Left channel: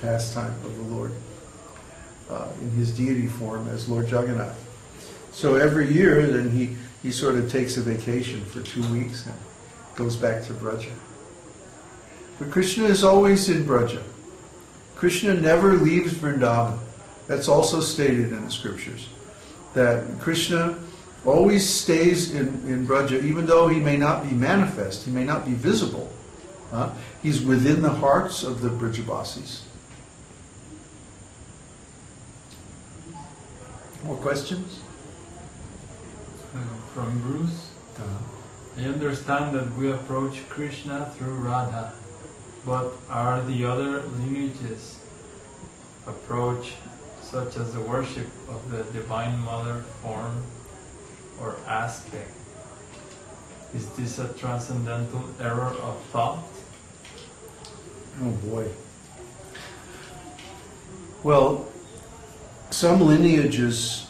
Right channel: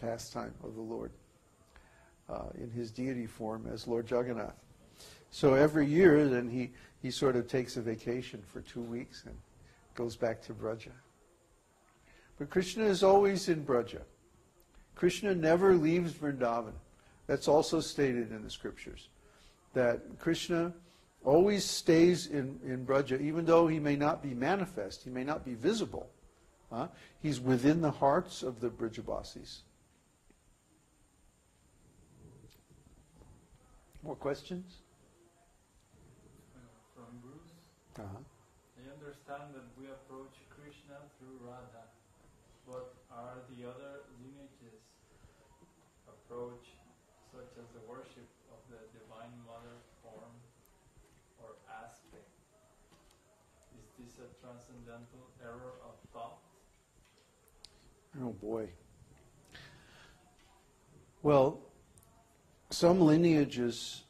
pastime of the Lord in his deity form as Lord Jagannath. So every year then he sort of takes a vacation for 2 weeks and goes back to Braja. But Krishna is always in Braja. Krishna never leaves Vrindavan. That's also stated in the scriptures, that Krishna always stays in Braja, even though he may not be manifest, he may not be visible. He's within the hearts of the Brajavasis. More questions? From Bruce. I understand that we approach Krishna through Radha, but are the other lineages approach, such as the worship of the Divine Mother form or aspect? Is this a transcendental error of thought? Oh boy. Well, some lineages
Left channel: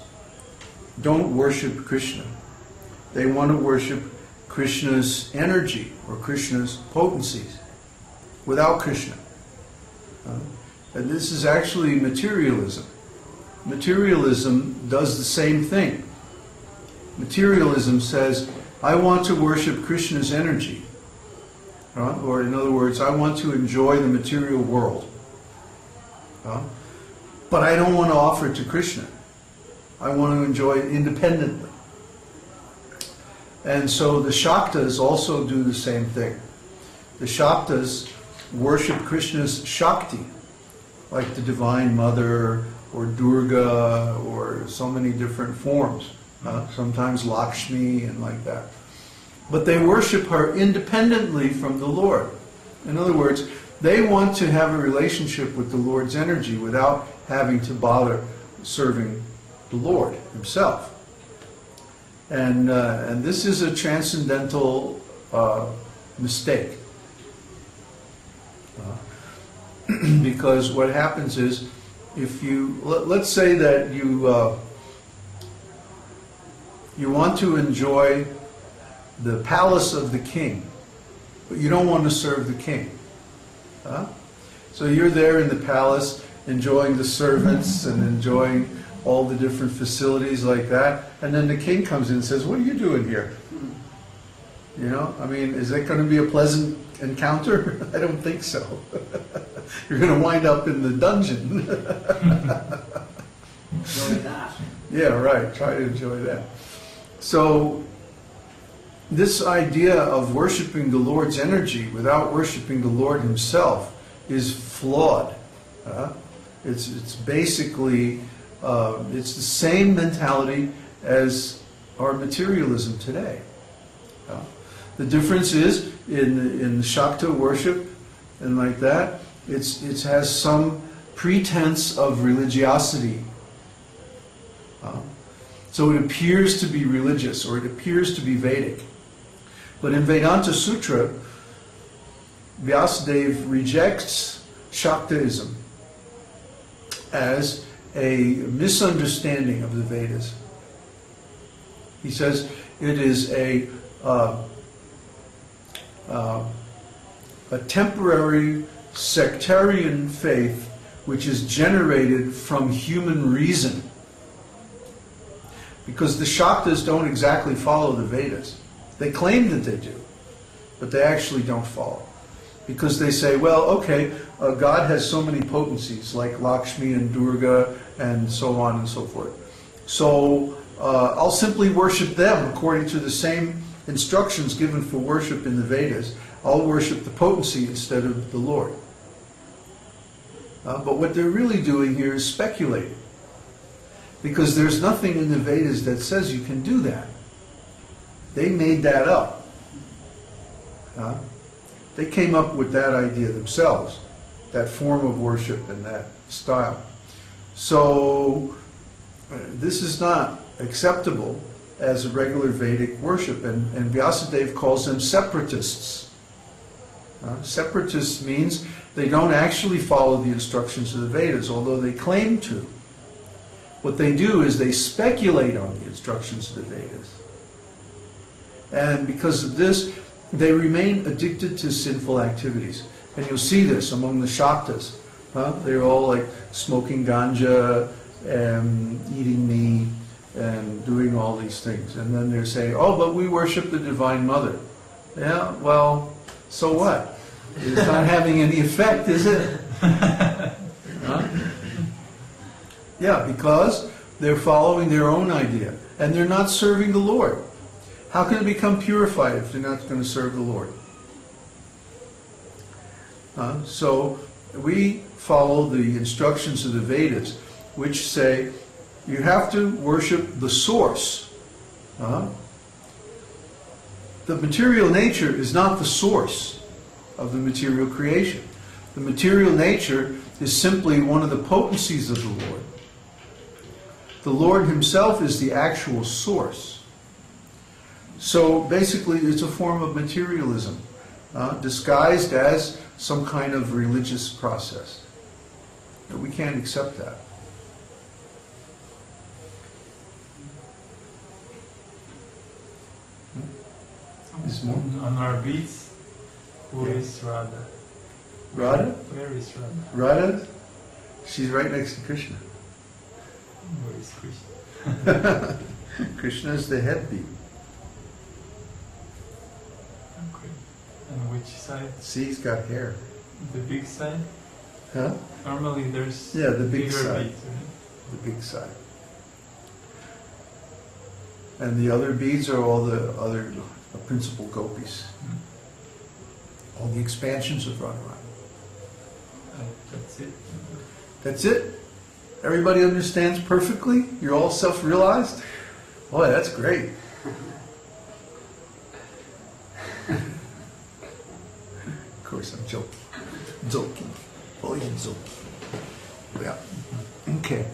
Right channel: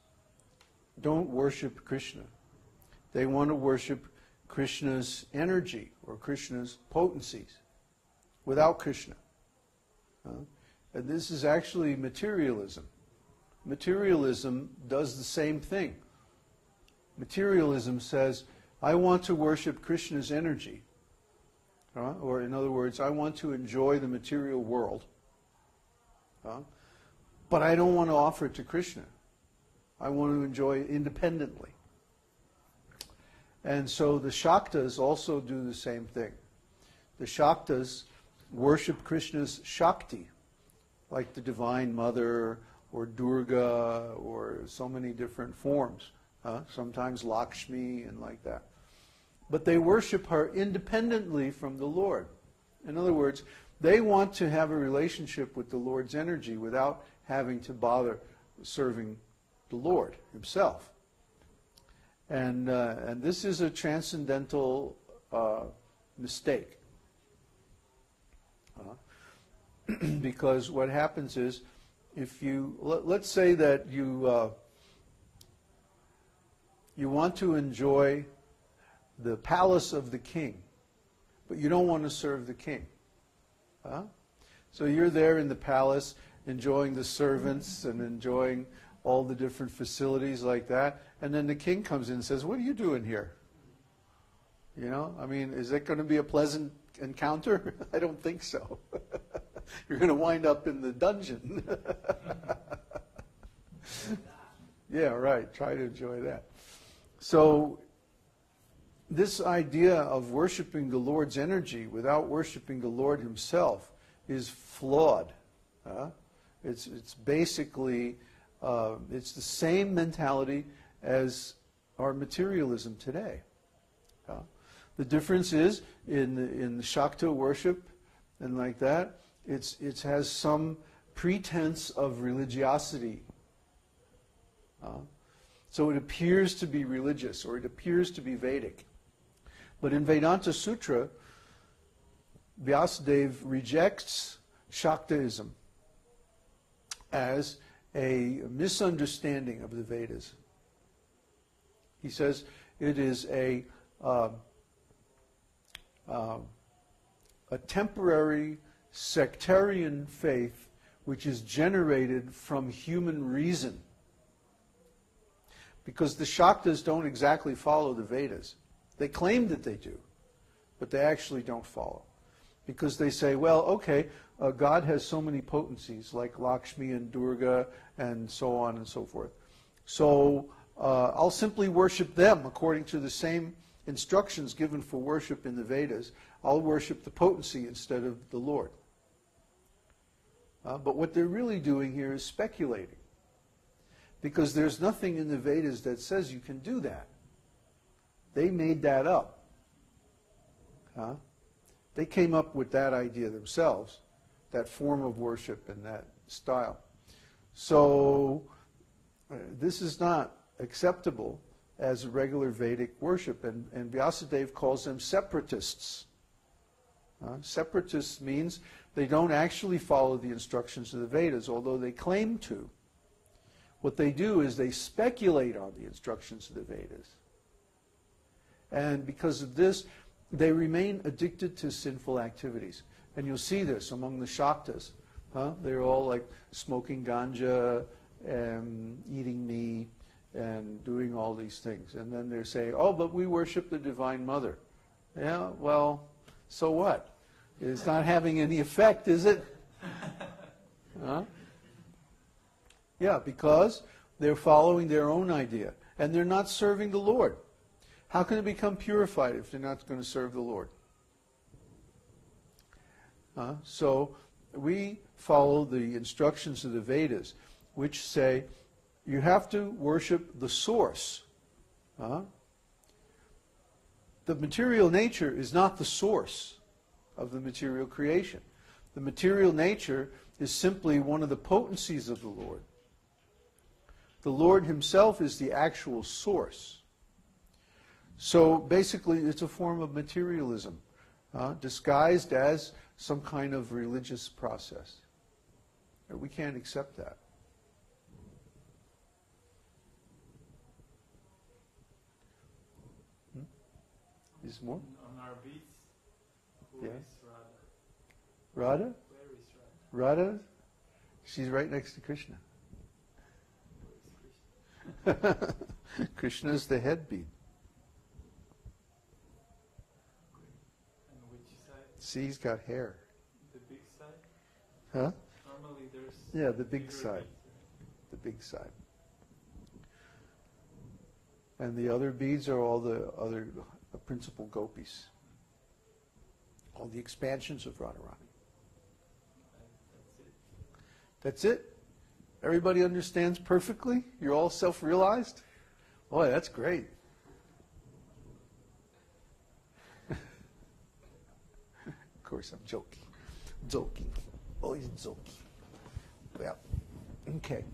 don't worship Krishna. They want to worship Krishna's energy or Krishna's potencies without Krishna. And this is actually materialism. Materialism does the same thing. Materialism says, I want to worship Krishna's energy. Or in other words, I want to enjoy the material world. But I don't want to offer it to Krishna. I want to enjoy it independently. And so the Shaktas also do the same thing. The Shaktas worship Krishna's Shakti, like the Divine Mother or Durga or so many different forms. Sometimes Lakshmi and like that. But they worship her independently from the Lord. In other words, they want to have a relationship with the Lord's energy without having to bother serving the Lord himself. And this is a transcendental mistake. Because what happens is, if you, let's say that you want to enjoy the palace of the king, but you don't want to serve the king. So you're there in the palace, enjoying the servants and enjoying all the different facilities like that, and then the king comes in and says, what are you doing here? You know, I mean, is that going to be a pleasant encounter? I don't think so. You're going to wind up in the dungeon. Enjoy that. Yeah, right. Try to enjoy that. So, this idea of worshiping the Lord's energy without worshiping the Lord himself is flawed. It's basically, it's the same mentality as our materialism today. The difference is in the Shakta worship and like that, it has some pretense of religiosity. So it appears to be religious, or it appears to be Vedic. But in Vedanta Sutra, Vyasadeva rejects Shaktaism as a misunderstanding of the Vedas. He says it is a temporary sectarian faith which is generated from human reason. Because the Shaktas don't exactly follow the Vedas. They claim that they do, but they actually don't follow. Because they say, well, okay, God has so many potencies, like Lakshmi and Durga and so on and so forth. So I'll simply worship them according to the same instructions given for worship in the Vedas. I'll worship the potency instead of the Lord. But what they're really doing here is speculating. Because there's nothing in the Vedas that says you can do that. They made that up. They came up with that idea themselves, that form of worship and that style. So this is not acceptable as a regular Vedic worship, and Vyasadeva calls them separatists. Separatists means they don't actually follow the instructions of the Vedas, although they claim to. What they do is they speculate on the instructions of the Vedas. And because of this, they remain addicted to sinful activities. And you'll see this among the Shaktas. They're all like smoking ganja and eating meat and doing all these things. And then they're saying, oh, but we worship the Divine Mother. Yeah, well, so what? It's not having any effect, is it? Huh? Yeah, because they're following their own idea. And they're not serving the Lord. How can it become purified if they're not going to serve the Lord? So we follow the instructions of the Vedas, which say you have to worship the source. The material nature is not the source of the material creation. The material nature is simply one of the potencies of the Lord. The Lord himself is the actual source. So basically it's a form of materialism, disguised as some kind of religious process. But we can't accept that. On our beats, who is Radha? Radha? Where is Radha? Radha? She's right next to Krishna. Where is Krishna? Krishna is the head beat. Okay. And which side? See, he's got hair. The big side? Huh? Normally there's Yeah, the big bigger side. beads, right? The big side. And the other beads are all the other principal gopis. All the expansions of Radharani. That's it. That's it? Everybody understands perfectly? You're all self-realized? Boy, that's great. Of course, I'm joking. Joking. Always joking. Yeah. Okay.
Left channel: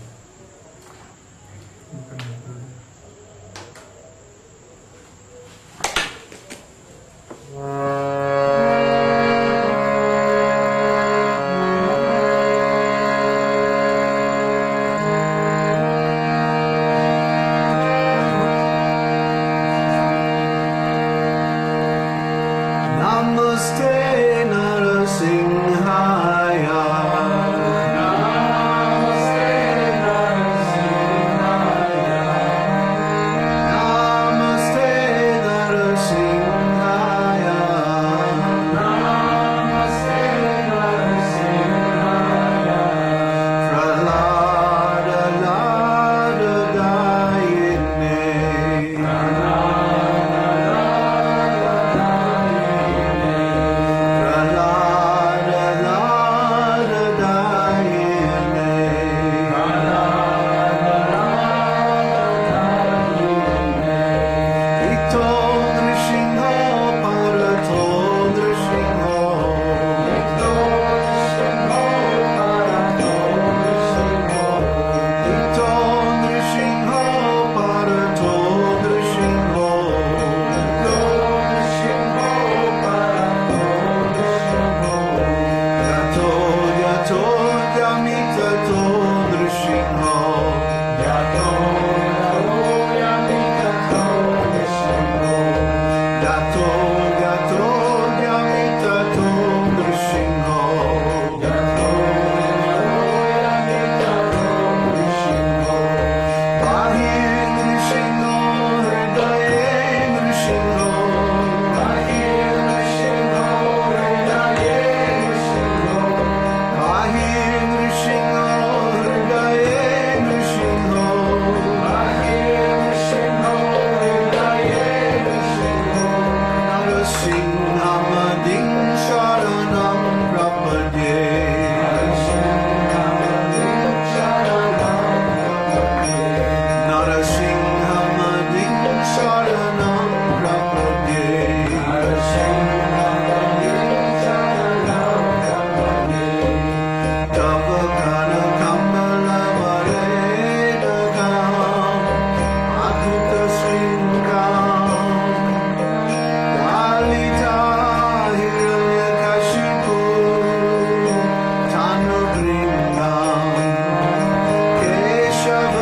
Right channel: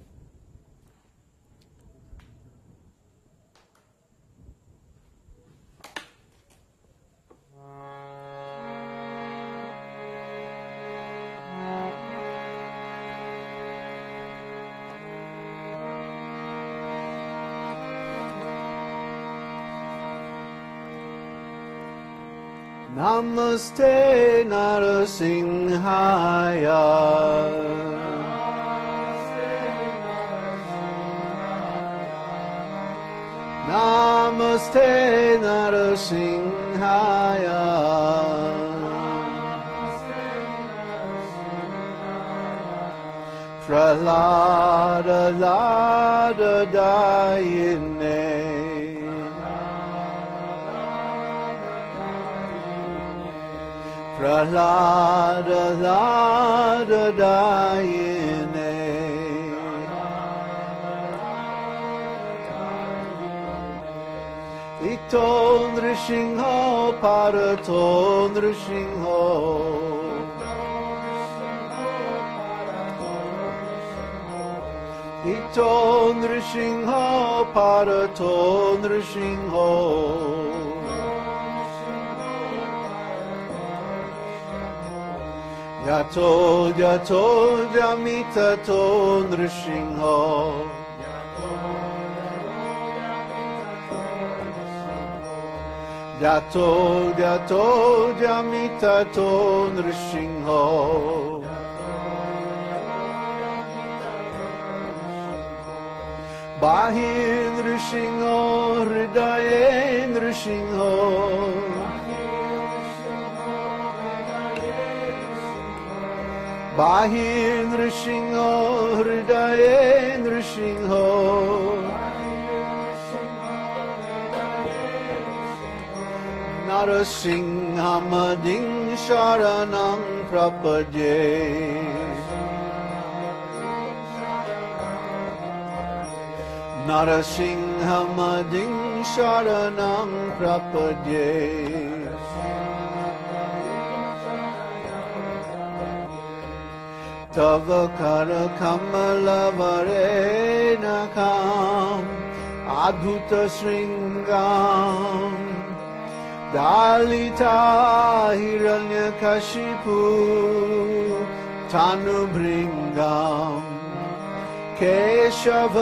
Keshav